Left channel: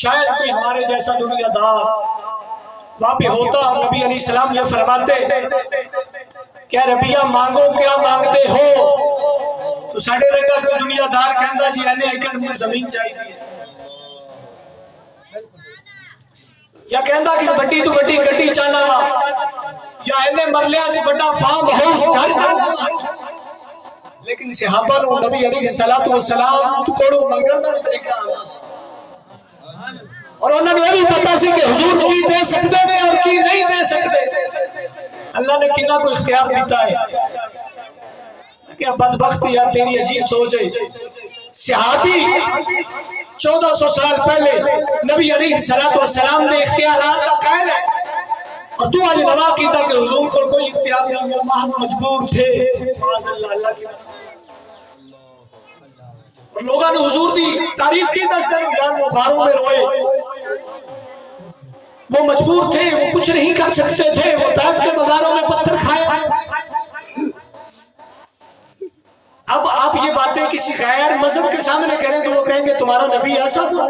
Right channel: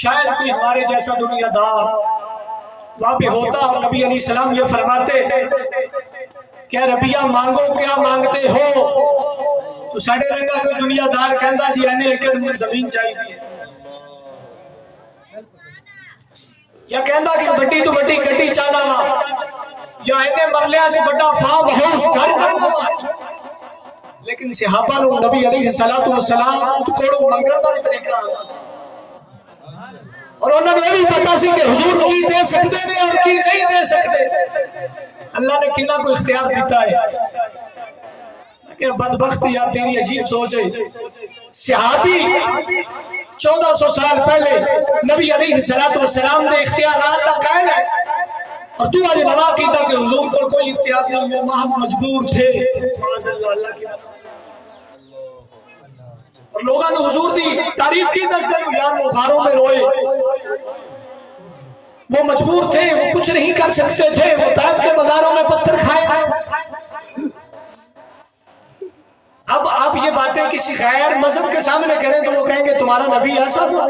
شاید کوئی ہمارے جیسا دنیا دار وہاں پہ ہوتا اور نبی علیہ السلام یہ فرماتے کہ ربیہ مانگو کیا مانگتے ہو، تو ساڑھے رنگا کوئی دنیا دار کہندا جی اینے ایکڑ میں زمین چاہیے، یا کہندا کہ بڑی تو بڑی گڈی چاہنا وا، یا اینے مرلیاں چ بڑا فارم ہاؤس گھر چاہنا وا۔ لیکن صحابہ نو نبی علیہ السلام کوڑوں منگن دا طریقہ اور انہوں نے یہ بھی پتا سی کہ حضور کی دے سکتے ہیں اور کی نہیں دے سکتے۔ اللہ نے کنا کو اختیار دیتا ہے کہ بدبخت یار تیری عجیب سوچ ہے، صحابی 1400 سال پہلے نبی علیہ السلام نے اختیارات کا قائل ہے، اور تو آج نوا کیتا کہ حضور کو کوئی اختیار نہیں ہے، محض مجبور تھے۔ معاذ اللہ، اللہ کی اور لوگوں نے حضور دی تعریف کی دستے یار وہ غاروں میں روئے، وہ مجبور تھے، وہ کچھ نہیں کر سکتے تھے، وہ طائف کے بازاروں میں پتھر کھائے۔ اب آپ یہ باتیں کسی غیر مذہب کے سامنے کریں تو وہ کہیں گے تمہارا نبی ایسا تھا۔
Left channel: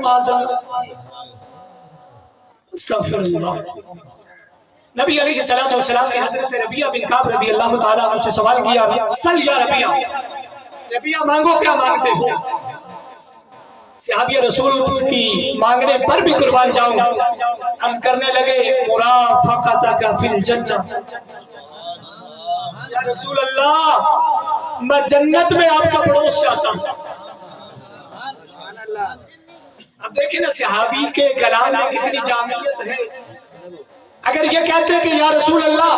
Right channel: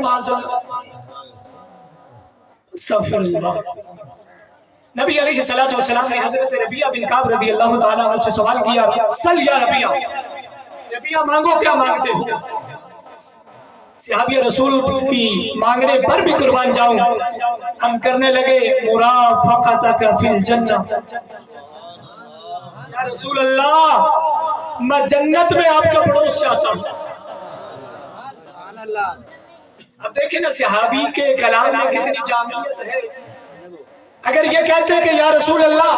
استغفر اللہ۔ نبی علیہ السلام نے حضرت ربیہ بن کعب رضی اللہ تعالیٰ عنہ سے سوال کیا، سل یا ربیہ مانگو کیا مانگتے ہو؟ صحابی رسول کی مانگنے پر بھی قربان جاؤں، عرض کرنے لگے مرافقتک فی الجنہ، یا رسول اللہ میں جنت میں آپ کا پڑوس چاہتا ہوں۔ اب دیکھیں نا صحابی کے کلام میں کتنی جامعیت ہے۔ اگر یہ کہتے کہ یا رسول اللہ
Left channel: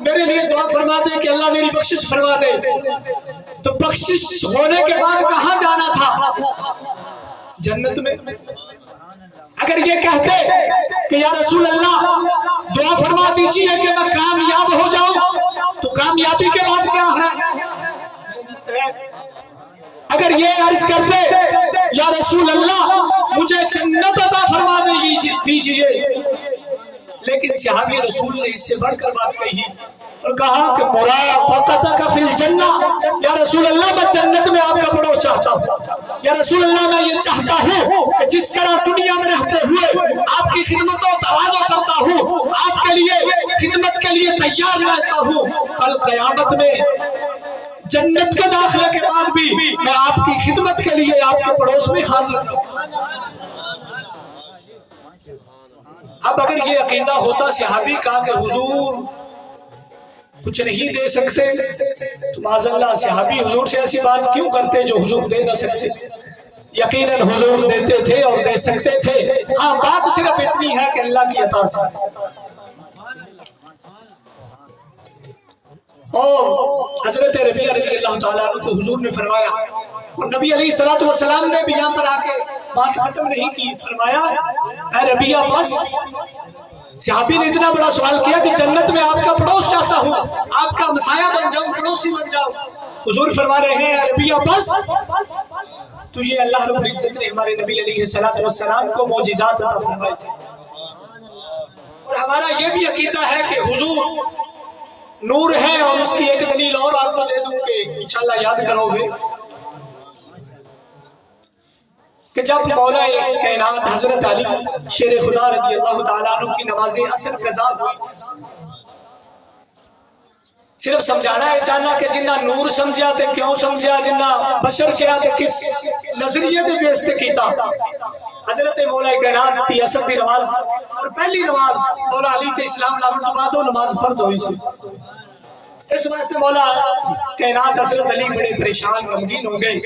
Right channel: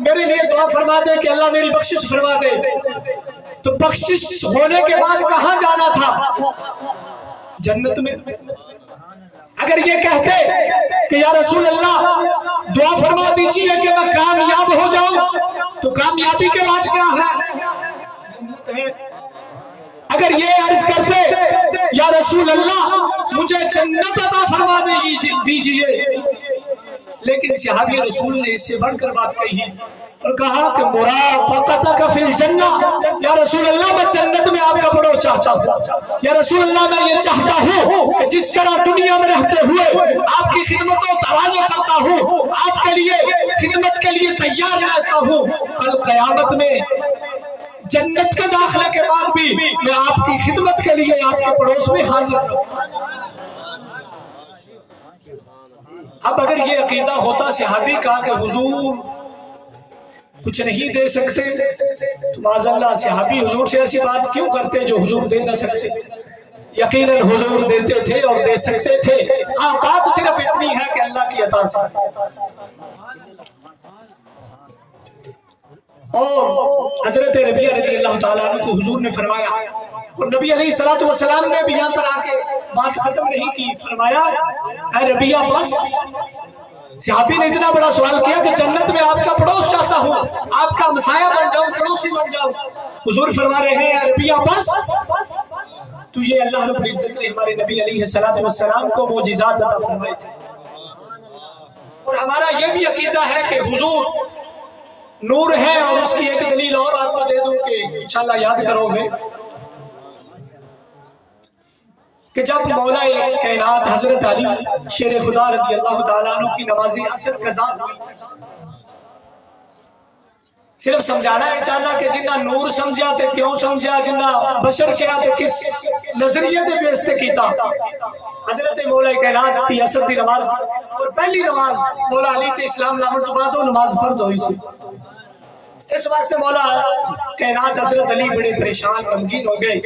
میرے لیے دعا فرما دے کہ اللہ میری بخشش فرما دے، تو بخشش ہونے کے بعد کہاں جانا تھا؟ جنت میں۔ اگر یہ کہتے کہ یا رسول اللہ دعا فرما دیجئے کہ میں کامیاب ہو جاؤں، تو کامیابی کے بعد کیا ہے؟ اگر یہ عرض کرتے یا رسول اللہ مجھے جنت عطا فرما دیجئے، لیکن صحابی رسول نے اس سے بڑھ کر بات کہی اور کہا کہ مرافقتک فی الجنہ، یا رسول اللہ میں جنت میں آپ کا پڑوس چاہتا ہوں۔ یا رسول اللہ میں یہ چاہتا ہوں کہ جس طرح دنیا میں رہتے ہوئے آپ کی خدمت و تواضع کرتا ہوں، آپ کے لیے خدمت کے لیے تیار رہتا ہوں، کل قیامت میں جنت کے داخلے کے بعد بھی میں آپ کی خدمت کے لیے آپ کے پڑوس میں حاضر ہوں۔ اب اگر یہ عقیدہ ہوتا صحابی کا کہ حضور کچھ نہیں دے سکتے، تو معاذ اللہ صحابی حضور سے ایسی بات کیوں کرتے جو حضور دے نہ سکتے؟ یقیناً حضور دیتے تھے اور دے سکتے تھے، ہاں بات صرف اتنی ہے کہ اللہ کی عطا سے۔ اور حضرت ربیہ رضی اللہ تعالیٰ عنہ کو حضور نے فرمایا، اور نبی علیہ السلام نے بھی یہاں پر آ کے بات ختم نہیں کی، فرمایا اے ربیہ بس۔ صحابی نے اتنا بڑا سوال کیا کہ جنت میں آپ کا پڑوس چاہتا ہوں، آپ کا مسایہ بن جاؤں، پڑوسی بن جاؤں۔ حضور فرما رہے ہیں اے ربیہ بس۔ تو یہ اللہ رب العزت نے ہمارے نبی علیہ السلام کو معجزات عطا فرمائے تھے، اور ہمارا یہ بھی عقیدہ ہے کہ حضور نور ہے۔ اور اس کی ایک دلیل اور آپ کو دے دوں کہ انشاءاللہ یاد کرو گے کہ جب مولا کائنات حضرت علی شیر خدا رضی اللہ تعالیٰ عنہ کی نماز عصر قضا ہوئی، صرف سمجھانا ہے چاہنا کہ جنہ نور سمجھا تے کیوں سمجھا، جنہ بشر کیا تے کس نظریے دے بیس سے کیتا۔ حضرت مولا کائنات دی عصر دی نماز، اور پہلی نماز مولا علی تے اسلام لاون تو بعد وہ نماز فرض ہوئی سی۔ اس واسطے مولا کائنات حضرت علی بڑے پریشان غمگین ہو گئے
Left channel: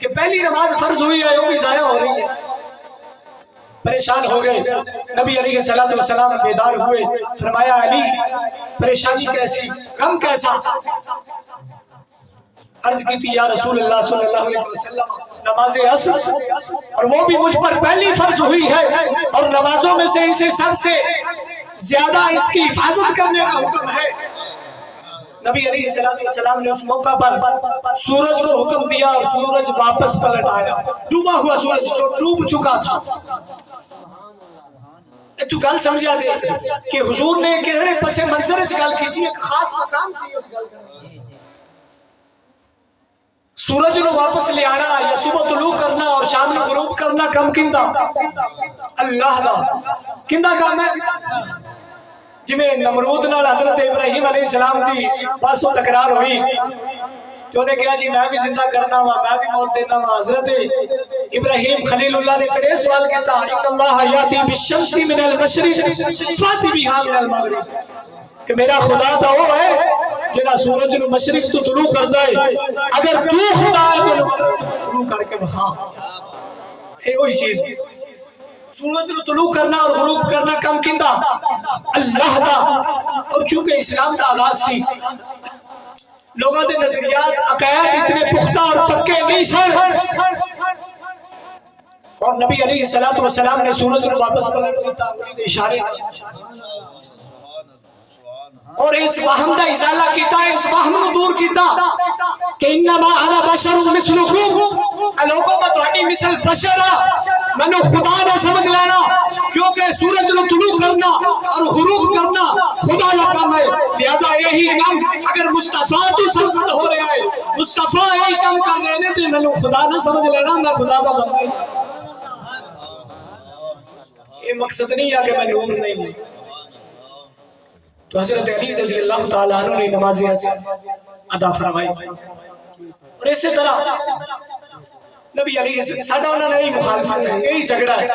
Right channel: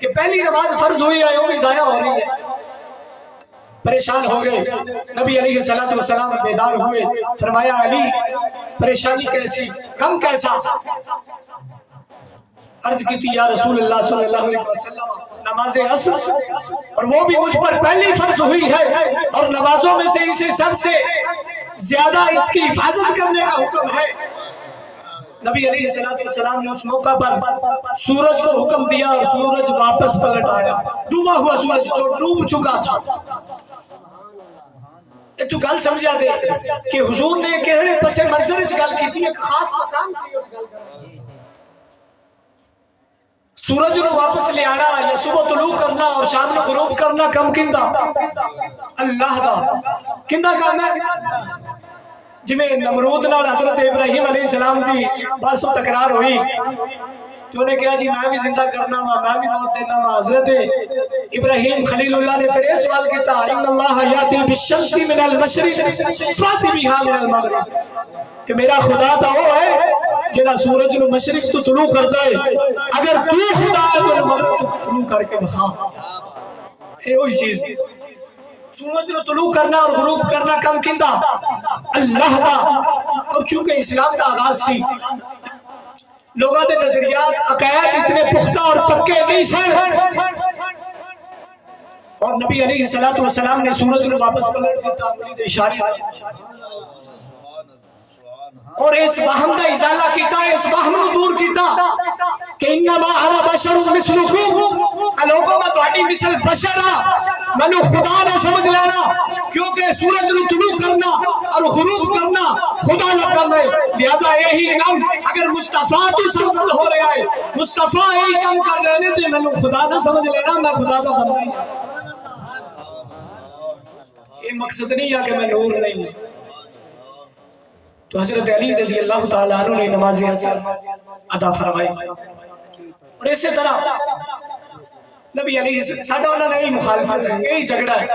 کہ پہلی نماز فرض ہوئی ہے وہ بھی ضائع ہو رہی ہے، پریشان ہو گئے۔ نبی علیہ السلام بیدار ہوئے، فرمایا علی پریشانی کیسی، غم کیسا؟ عرض کی تھی یا رسول اللہ صلی اللہ علیہ وسلم نماز عصر، اور وہ بھی مجھ پر پہلی فرض ہوئی ہے، اور نمازوں میں سے اسے سب سے زیادہ اس کی حفاظت کرنے کا حکم ہے۔ نبی علیہ السلام نے اس موقع پر سورج کو حکم دیا، اور سورج واپس پلٹ آیا، ڈوبا ہوا سورج جو ڈوب چکا تھا۔ ایک تو گل سمجھا دے کہ حضور نے کہنے پس منظر اس گل کی تھی، ایک خاص مقام سی اس گل کا۔ سورج نو واپس لے آنا یا صبح طلوع کرنا اور شام نو غروب کرنا کم کندا اللہ دا کندا کام ہے جویں نمرود نال حضرت ابراہیم علیہ السلام دی بحث و تکرار ہوئی جو نے کہا جی میں بھی زندہ کرنا ہوا میں بھی موت دینا ہوا حضرت ابراہیم خلیل اللہ نے پھر یہ سوال کیتا ان اللہ یاتی بالشمس من المشرق فاتی بها من المغرب کہ میرا خدا تو وہ ہے جنا سورج نو مشرق تو طلوع کردا ہے اگر تو خدا ہے تو مغرب تو طلوع کر کے دکھا اے وہی چیز سورج نو طلوع کرنا اور غروب کرنا کم کیندا اللہ دا اور چونکہ اسلام دا آغاز سی لوگوں دے نظریات عقائد اتنے پختہ اور پکے نہیں سن اور نبی علیہ السلام نے سورج کو واپس پلٹ دیتا انگلی اشارے اور اس وہم کا ازالہ کیتا ہے اس وہم کو دور کیتا کہ انما انا بشر مثلکم لوگوں میں تہاڈی مثل بشر منو خدا نہ سمجھ لینا کیونکہ سورج نو طلوع کرنا اور غروب کرنا خدا کا کام ہے لہذا یہی کام اگر مصطفیٰ تو سرزد ہو رہا ہے مصطفیٰ یہی کام کر رہے ہیں تو منو خدا نہ سمجھ لینا میں خدا کا بندہ ہوں یہ مقصد نہیں ہے کہ میں نور نہیں ہوں تو حضرت علی رضی اللہ تعالیٰ عنہ نے نماز ادا فرمائی اور اسی طرح نبی علیہ السلام ساڑھا انہوں نے یہی مخالفت ہے یہی جھگڑا ہے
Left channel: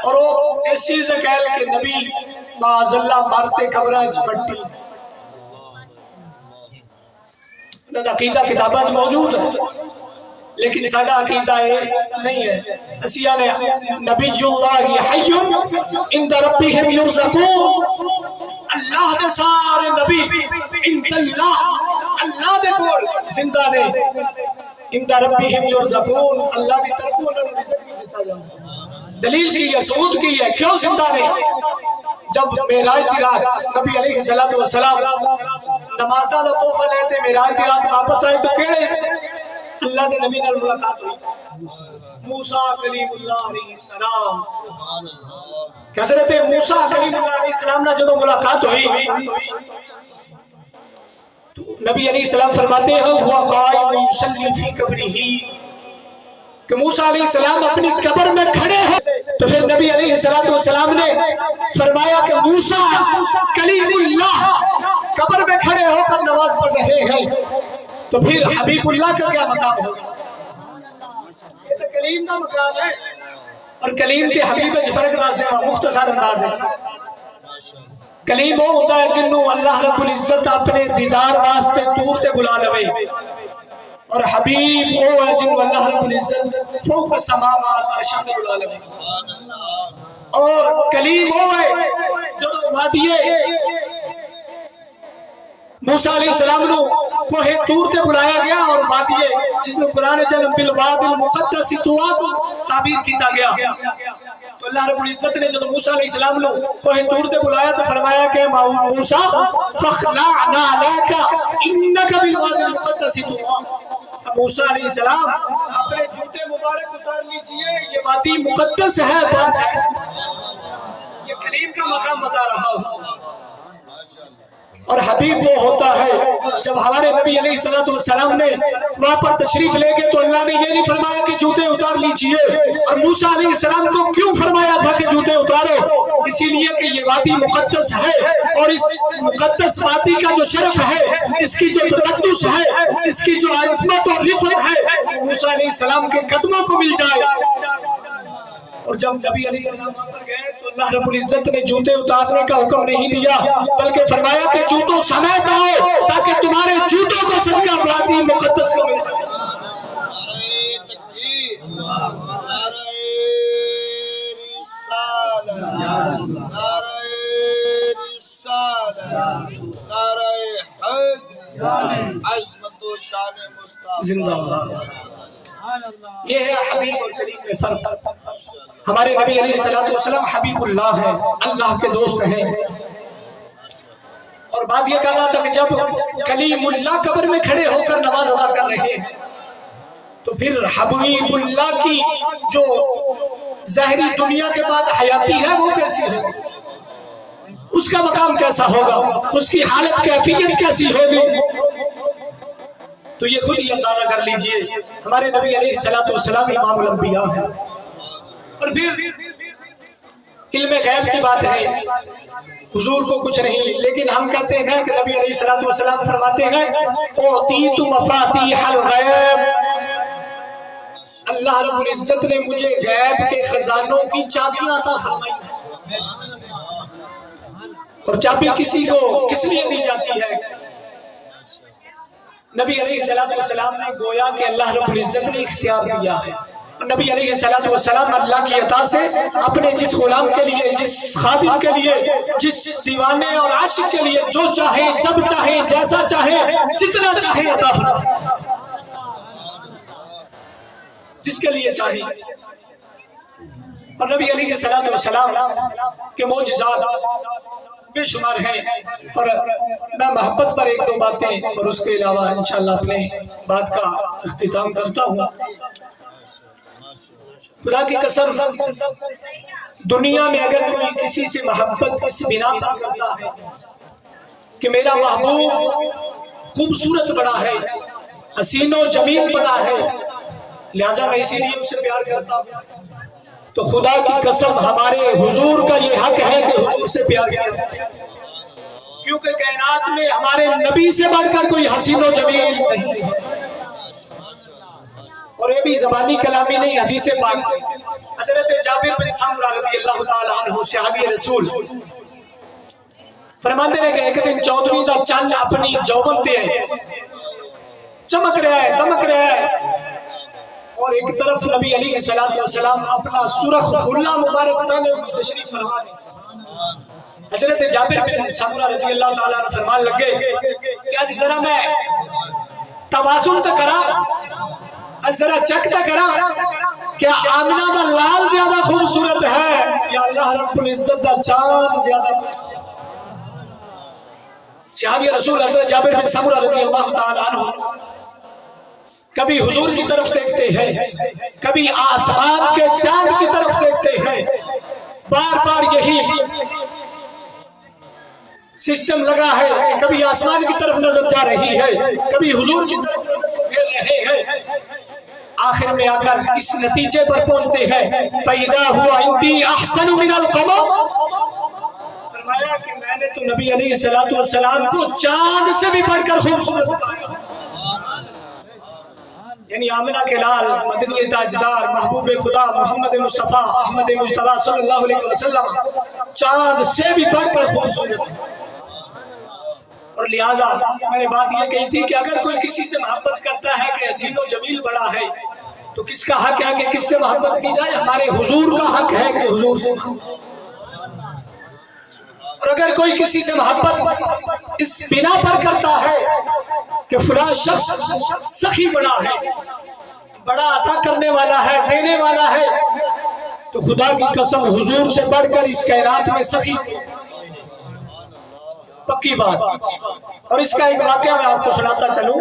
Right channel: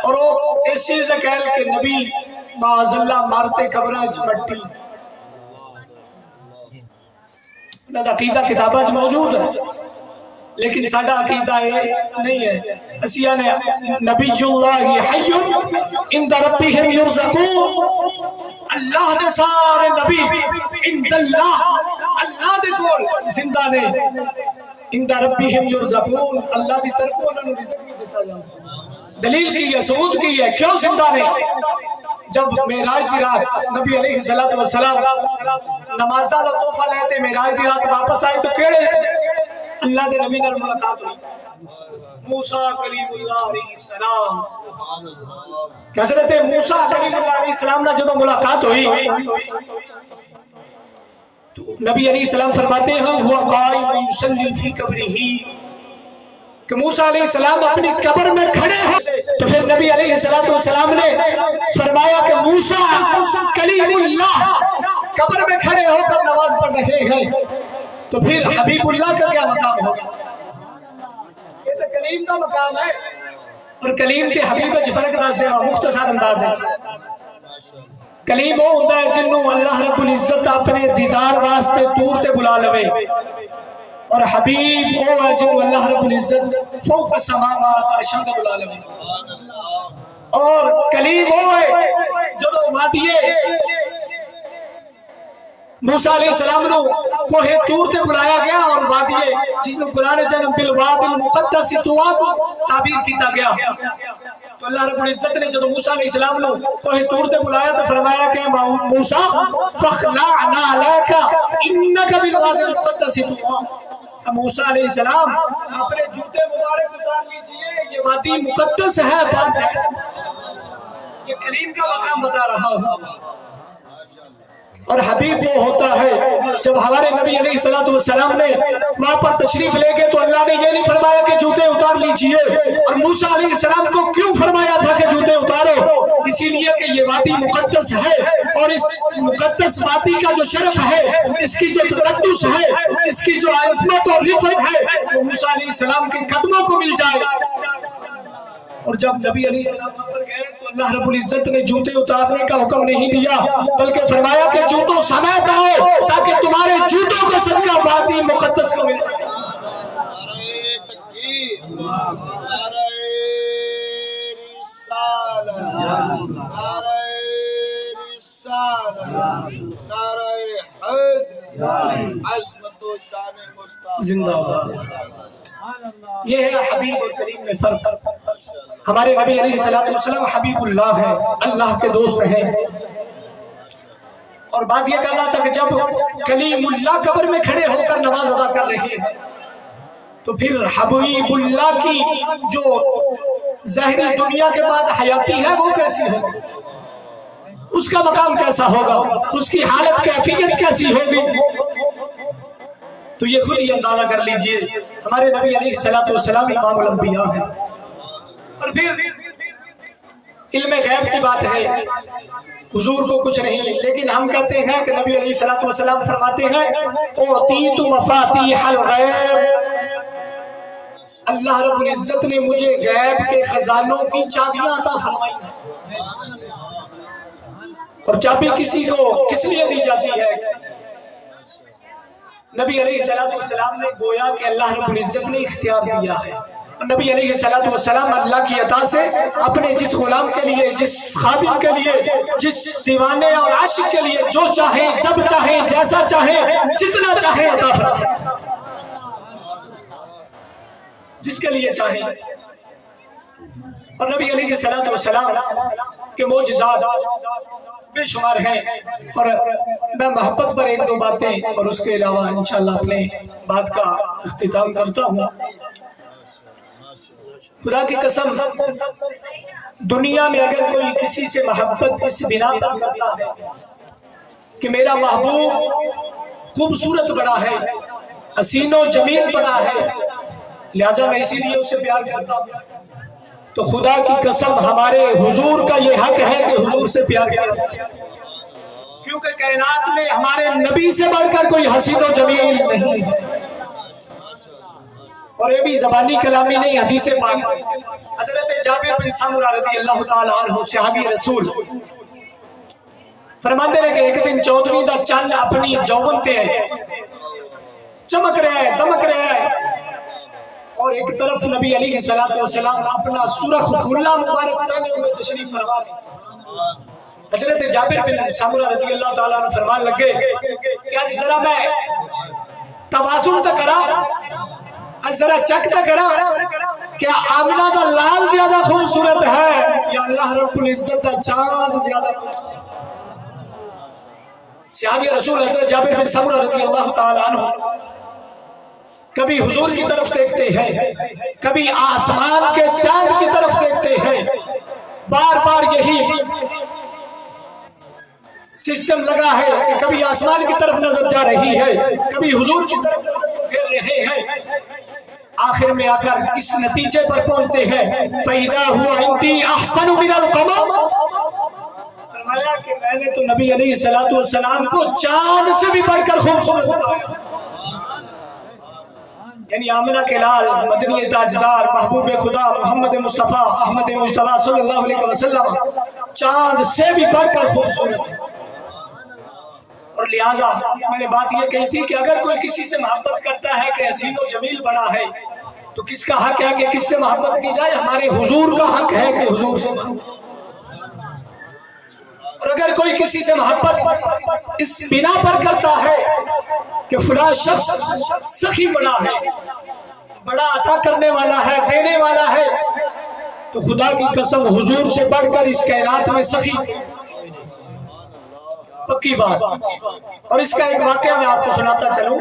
اور وہ اس چیز سے کہہ کہ نبی معاذ اللہ مارتے قبرہ مٹی انہوں نے عقیدہ کتابہ موجود ہے لیکن ساڑھا عقیدہ یہ نہیں ہے اسیہ نے نبی اللہ حی اند ربهم یرزقون اللہ دے سارے نبی اند اللہ دے کول زندہ نے اند ربهم یرزقون اللہ دی طرف انہوں نے رزق بھی دیتا جانا دلیل کی ہے ثبوت کی ہے کیوں زندہ نے جب معراج کی رات نبی علیہ السلام نمازہ دا تحفہ لیتے معراج کی رات واپس آئے تو کیڑے اللہ دے نبی نال ملاقات ہوئی موسیٰ کلیم اللہ علیہ السلام حضرت موسیٰ کلیم اللہ علیہ السلام نے جب ملاقات ہوئی نبی علیہ السلام فرماتے ہیں ہوا قائم یصلی فی قبرہ کہ موسیٰ علیہ السلام اپنی قبر میں کھڑے ہیں تو پھر نبی علیہ السلام نے فرمایا کہ موسیٰ کلیم اللہ قبر میں کھڑے ہو کر نماز پڑھ رہے ہیں تو پھر حبیب اللہ کا کیا مقام ہوگا یہ تو کلیم کا مقام ہے اور کلیم کے حبیب سے فرق انداز ہے مختصر انداز ہے کلیم وہ ہوتا ہے جنہوں اللہ رب العزت اپنے دیدار واسطے دور تے بلا لوے اور حبیب وہ ہے جنہوں اللہ رب العزت فوق السماوات عرش تے بلا لوے اور کلیم وہ ہے جو وادیے موسیٰ علیہ السلام نو کوہ طور تے بلایا گیا اور وادیے جس نے قرآن جنم بالواد المقدس تواد تعبیر کیتا گیا تو اللہ رب العزت نے جب موسیٰ علیہ السلام نو کوہ طور تے بلایا تو فرمایا کہ موسیٰ فخلعنا علیکا انکا بالواد المقدس تواد موسیٰ علیہ السلام اپنے جوتے مبارک اتار لیجئے یہ وادی مقدس ہے پاک ہے یہ کلیم کا مقام بتا رہا ہوں اور حبیب وہ ہوتا ہے جب ہمارے نبی علیہ السلام نے وہاں پر تشریف لے گئے تو اللہ نے یہ نہیں فرمایا کہ جوتے اتار لیجئے اور موسیٰ علیہ السلام کو کیوں فرمایا تھا کہ جوتے اتارو اسی لیے کہ یہ وادی مقدس ہے اور اس مقدس وادی کا جو شرف ہے اس کی جو تقدس ہے اس کی جو عظمت اور رفعت ہے وہ موسیٰ علیہ السلام کے قدموں کو مل جائے اور جب نبی علیہ السلام پر گئے تو اللہ رب العزت نے جوتے اتارنے کا حکم نہیں دیا بلکہ فرمایا کہ جوتوں سمیت آؤ تاکہ تمہارے جوتوں کو صدقہ وادی مقدس کو مل جائے نعرہ تکبیر نعرہ رسالہ نعرہ رسالہ نعرہ حیدر عظمت و شان مصطفیٰ زندہ باد یہ ہے حبیب اور کریم میں فرق ہمارے نبی علیہ السلام حبیب اللہ ہے اللہ کے دوست ہیں اور بات یہ کہنا تھا کہ جب کلیم اللہ قبر میں کھڑے ہو کر نماز ادا کر رہے ہیں تو پھر حبیب اللہ کی جو ظاہری دنیا کے بعد حیاتی ہے وہ کیسی ہے اس کا مقام کیسا ہوگا اس کی حالت کیفیت کیسی ہوگی تو یہ خود ہی اندازہ کر لیجئے ہمارے نبی علیہ الصلوۃ والسلام امام الانبیاء ہیں۔ اور پھر علم غیب کی بات ہے، حضور کو کچھ نہیں، لیکن ہم کہتے ہیں کہ نبی علیہ الصلوۃ والسلام فرماتے ہیں اوتیت مفاتیح الغیب، اللہ رب العزت نے مجھے غیب کے خزانوں کی چابیاں عطا فرمائی، اور چابی کسی کو کس لیے دی جاتی ہے؟ نبی علیہ السلام نے گویا کہ اللہ رب العزت نے اختیار دیا ہے، اور نبی علیہ السلام اللہ کی عطا سے اپنے جس غلام کے لیے، جس خادم کے لیے، جس دیوانے اور عاشق کے لیے جو چاہے، جب چاہے، جیسا چاہے، جتنا چاہے عطا فرمائے، جس کے لیے چاہے۔ اور نبی علیہ السلام کے معجزات بے شمار ہیں، اور میں محبت پر ایک دو باتیں اور اس کے علاوہ انشاءاللہ اپنے بات کا اختتام کرتا ہوں۔ خدا کی قسم دنیا میں اگر کوئی کسی سے محبت اس بنا پر کرتا ہے کہ میرا محبوب خوبصورت بڑا ہے، حسین و جمیل بڑا ہے، لہذا میں اسی لیے اس سے پیار کرتا ہوں، تو خدا کی قسم ہمارے حضور کا یہ حق ہے کہ حضور سے پیار کریں، کیونکہ کائنات میں ہمارے نبی سے بڑھ کر کوئی حسین و جمیل نہیں ہے۔ اور یہ بھی زبانی کلامی نہیں، حدیث پاک سے حضرت جابر بن سمرہ رضی اللہ تعالی عنہ صحابی رسول فرماتے ہیں کہ ایک دن 14ویں دا چاند اپنی جوبن پہ ہے، چمک رہا ہے، دمک رہا ہے، اور ایک طرف نبی علیہ السلام اپنا سرخ کھلا مبارک پہنے ہوئے تشریف فرما رہے۔ حضرت جابر بن سمرہ رضی اللہ تعالیٰ عنہ فرمان لگے کہ آج ذرا میں توازن تو کرا، ذرا چیک تو کرا، کیا آمنہ کا لال زیادہ خوبصورت ہے یا اللہ رب العزت کا چاند زیادہ؟ صحابی رسول حضرت جابر بن سمرہ رضی اللہ تعالیٰ عنہ کبھی حضور کی طرف دیکھتے ہیں، کبھی آسمان کے چاند کی طرف دیکھتے ہیں، بار بار یہی سسٹم لگا ہے کہ کبھی آسمان کی طرف نظر جا رہی ہے، کبھی حضور کی طرف نظر پھیر رہے ہیں، آخر میں آ کر اس نتیجے پر پہنچتے ہیں فَإِذَا هُوَ عِنْدِي أَحْسَنُ مِنَ الْقَمَرِ، فرمایا کہ میں نے تو نبی علیہ السلام کو چاند سے بھی بڑھ کر خوبصورت بنایا، یعنی آمنہ کے لال، مدنی تاجدار، محبوب خدا محمد مصطفیٰ احمد مجتبیٰ صلی اللہ علیہ وسلم چاند سے بھی بڑھ کر خوبصورت۔ اور لہٰذا میں نے بات یہ کہی تھی کہ اگر کوئی کسی سے محبت کرتا ہے کہ حسین و جمیل بڑا ہے، تو کس کا حق ہے کہ کس سے محبت کی جائے؟ ہمارے حضور کا حق ہے کہ حضور سے محبت۔ اور اگر کوئی کسی سے محبت اس بنا پر کرتا ہے کہ فلاں شخص سخی بڑا ہے، بڑا عطا کرنے والا ہے، دینے والا ہے، تو خدا کی قسم حضور سے بڑھ کر اس کائنات میں سخی پکی بات۔ اور اس کا ایک واقعہ میں آپ کو سناتا چلوں۔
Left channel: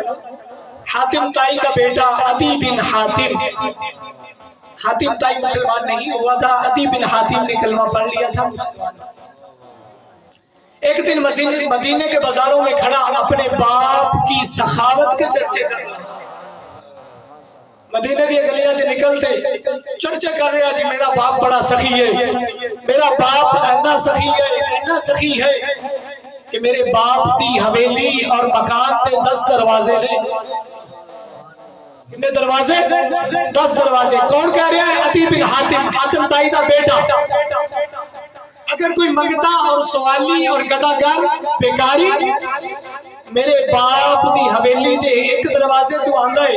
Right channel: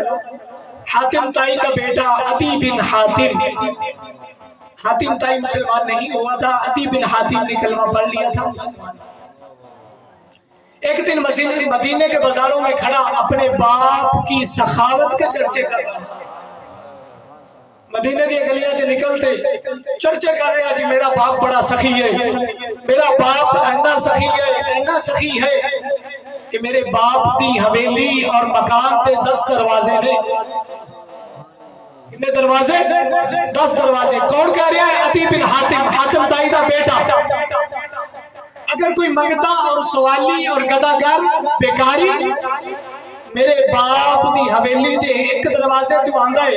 حاتم طائی کا بیٹا عدی بن حاتم، حاتم طائی مسلمان نہیں ہوا تھا، عدی بن حاتم نے کلمہ پڑھ لیا تھا۔ ایک دن مدینے کے بازاروں میں کھڑا اپنے باپ کی سخاوت کے چرچے کر رہا، مدینے کی گلیاں سے نکلتے چرچے کر رہا جی میرا باپ بڑا سخی ہے، میرا باپ اینا سخی ہے، اینا سخی ہے کہ میرے باپ دی حویلی اور مکان پہ 10 دروازے ہیں۔ کتنے دروازے؟ 10 دروازے۔ کون کہہ رہا ہے؟ عدی بن حاتم، حاتم طائی کا بیٹا۔ اگر کوئی منگتا اور سوالی اور گداگر بیکاری میرے باپ دی حویلی دے ایک دروازے تو آندا ہے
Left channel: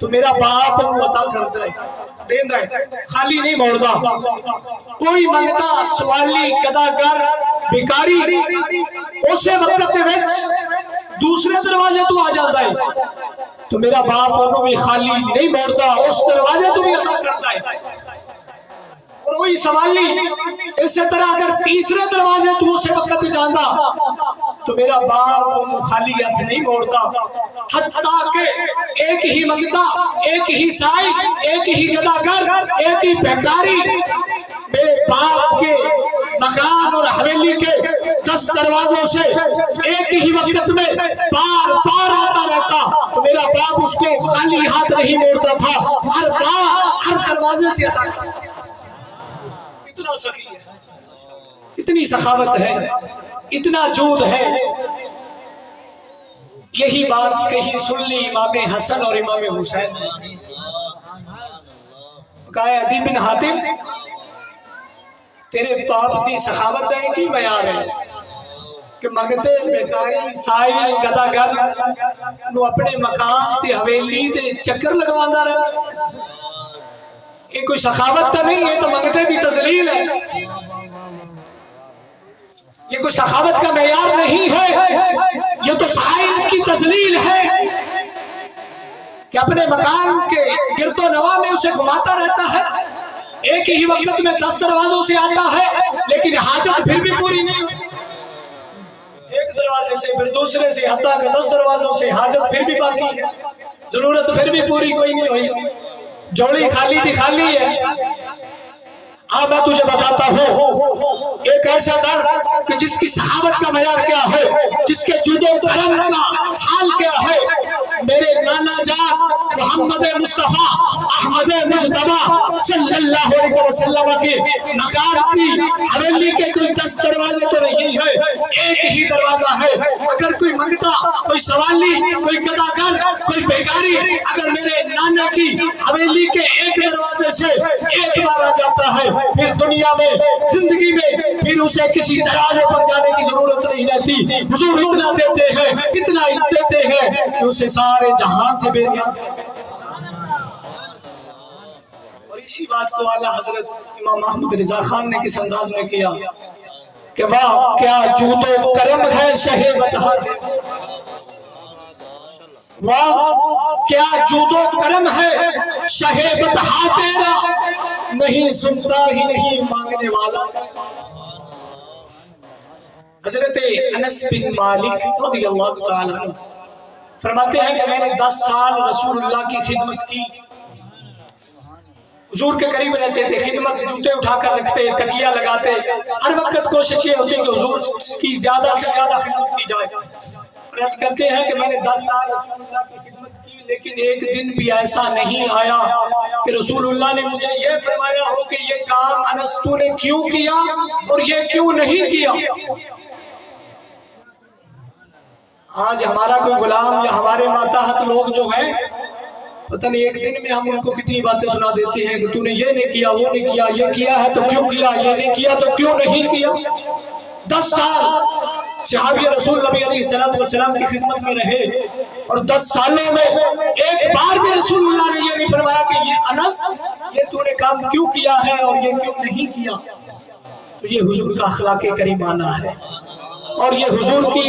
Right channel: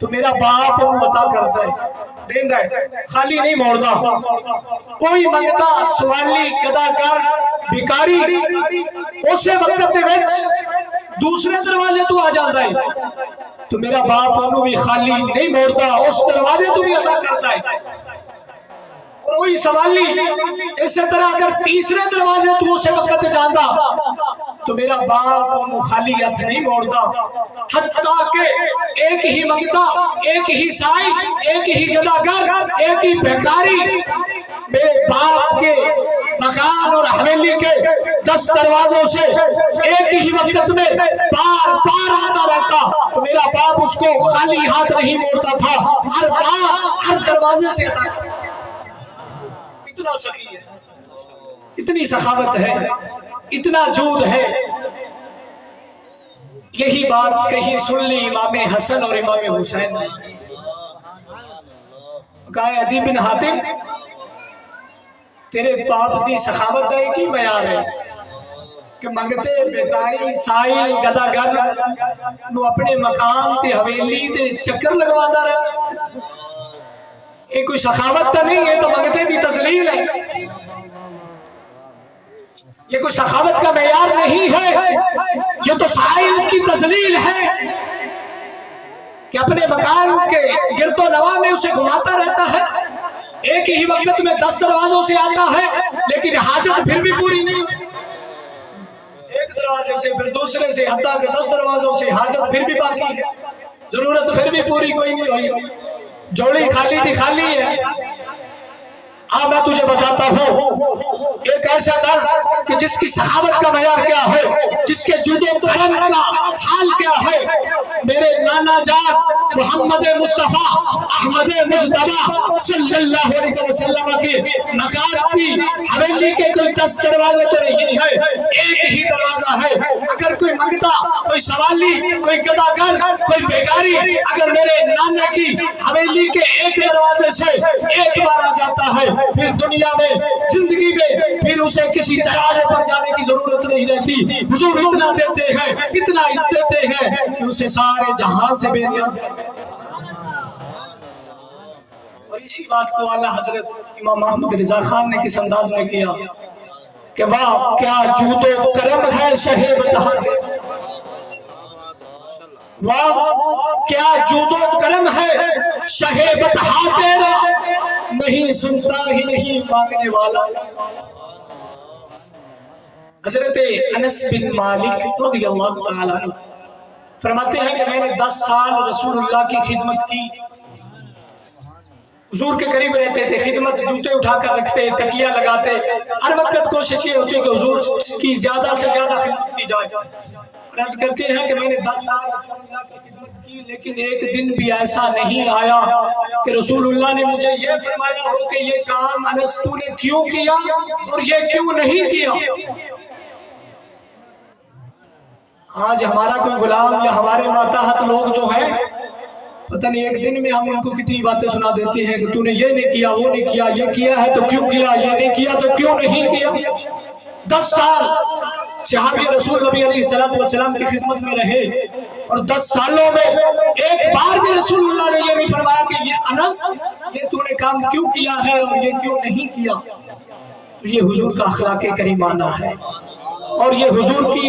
تو میرا باپ عطا کرتا ہے، دیندا ہے، خالی نہیں موڑدا۔ کوئی منگتا سوالی گداگر بیکاری اسے وقت دے وچ دوسرے دروازے تو آ جاندا ہے تو میرا باپ انہوں بھی خالی نہیں موڑدا، اس دروازے تو بھی عطا کرتا ہے۔ اور وہی سوالی اسی طرح اگر تیسرے دروازے تو اسے وقت جاندا تو میرا باپ خالی ہاتھ نہیں موڑتا، حتیٰ کہ ایک ہی منگتا، ایک ہی سائی، ایک ہی گداگر، ایک ہی بھکاری میرے باپ کے مکان اور حویلی کے 10 دروازوں سے ایک ہی وقت میں بار بار آتا رہتا تو میرا دروازے سے عطا کر۔ اتنا سخی ہے، اتنی سخاوت ہے، اتنا جود ہے۔ یہی بات کہیں سن لی امام حسن اور امام حسین نے، کہا عدی بن حاتم تیرے باپ دی سخاوت ہے کی معیار ہے کہ منگتے بیکاری سائل گداگر نو اپنے مکان تے حویلی دے چکر لگواندا رہے؟ یہ کوئی سخاوت تو نہیں ہے، تو منگتے کی تذلیل ہے۔ یہ کوئی سخاوت کا معیار نہیں ہے، یہ تو سائل کی تذلیل ہے کہ اپنے مکان کے گرد و نواح میں اسے گھماتا رہتا ہے، ایک ہی وقت میں 10 دروازوں سے آتا ہے لیکن حاجت پھر بھی پوری نہیں ہوتی، ایک دروازے سے پھر دوسرے سے، حتیٰ کہ 10 دروازوں سے حاجت پھر بھی باقی ہے، ضرورت پھر بھی پوری کوئی نہیں ہوئی، جوڑی خالی تھی خالی ہے۔ اب میں تجھے بتاتا ہوں ایک ایسا درد کہ جس کی سخاوت کا معیار کیا ہے، جس کے جود و کرم کا حال کیا ہے۔ میرے نانا جان محمد مصطفیٰ احمد مجتبیٰ صلی اللہ علیہ وسلم کی مکان کی حویلی کے کوئی 10 دروازے تو نہیں ہے، ایک ہی دروازہ ہے۔ اگر کوئی منگتا، کوئی سوالی، کوئی گداگر، کوئی بیکاری اگر میرے نانا کی حویلی کے ایک دروازے سے ایک بار آ جاتا ہے، پھر دنیا میں زندگی میں پھر اسے کسی دروازے پر جانے کی ضرورت نہیں رہتی۔ حضور اتنا دیتے ہیں، اتنا دیتے ہیں کہ اسے سارے جہان سے بے نیاز ہے۔ اور اسی بات کو اعلیٰ حضرت امام محمد رضا خان نے کس انداز میں کیا کہ واہ کیا جود و کرم ہے شہ بطحا، واہ کیا جود و کرم ہے شہ بطحا تیرا، نہیں سنتا ہی نہیں مانگنے والا۔ حضرت انس بن مالک رضی اللہ تعالیٰ عنہ فرماتے ہیں کہ میں نے 10 سال رسول اللہ کی خدمت کی، حضور کے قریب رہتے تھے، خدمت جوتے اٹھا کر رکھتے، تکیہ لگاتے، ہر وقت کوشش یہ ہوتی کہ حضور کی زیادہ سے زیادہ خدمت کی جائے۔ عرض کرتے ہیں کہ میں نے 10 سال رسول اللہ کی خدمت کی، لیکن ایک دن بھی ایسا نہیں آیا کہ رسول اللہ نے مجھے یہ فرمایا ہو کہ یہ کام انس تو نے کیوں کیا اور یہ کیوں نہیں کیا۔ آج ہمارا کوئی غلام یا ہمارے ماتحت لوگ جو ہیں، پتہ نہیں ایک دن میں ہم ان کو کتنی باتیں سنا دیتے ہیں کہ تو نے یہ نہیں کیا، وہ نہیں کیا، یہ کیا ہے تو کیوں کیا، یہ نہیں کیا تو کیوں نہیں کیا۔ 10 سال صحابی رسول نبی علیہ السلام کی خدمت میں رہے، اور 10 سالوں میں ایک بار بھی رسول اللہ نے یہ نہیں فرمایا کہ یہ انس یہ تو نے کام کیوں کیا ہے اور یہ کیوں نہیں کیا۔ تو یہ حضور کا اخلاق کریمانہ ہے، اور یہ حضور کی